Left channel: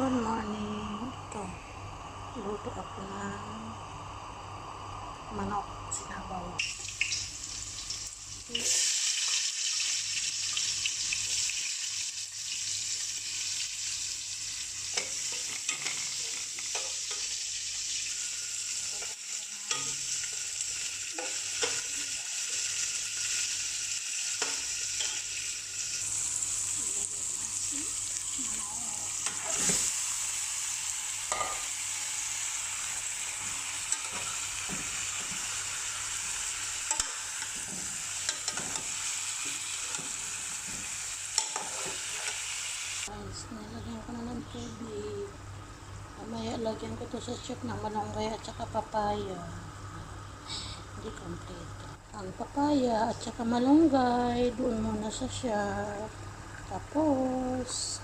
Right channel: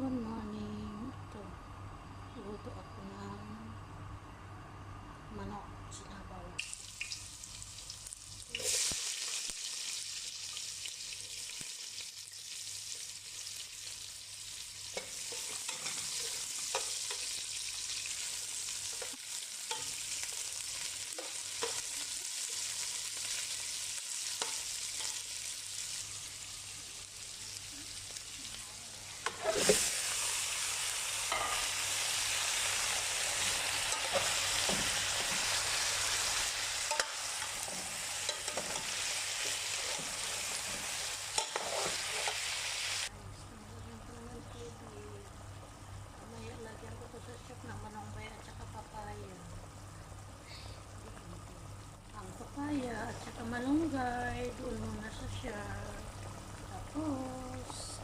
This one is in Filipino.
Good morning. Ito, luto ako ng manok sinabaw. Guys, nilagyan ko na ng tubig. Mamaya lagyan ko to sa chip ng malunggay at saka papaya. Hindi kompleto. Ang papaya at saka malunggay, doon muna sa siya. Tapos,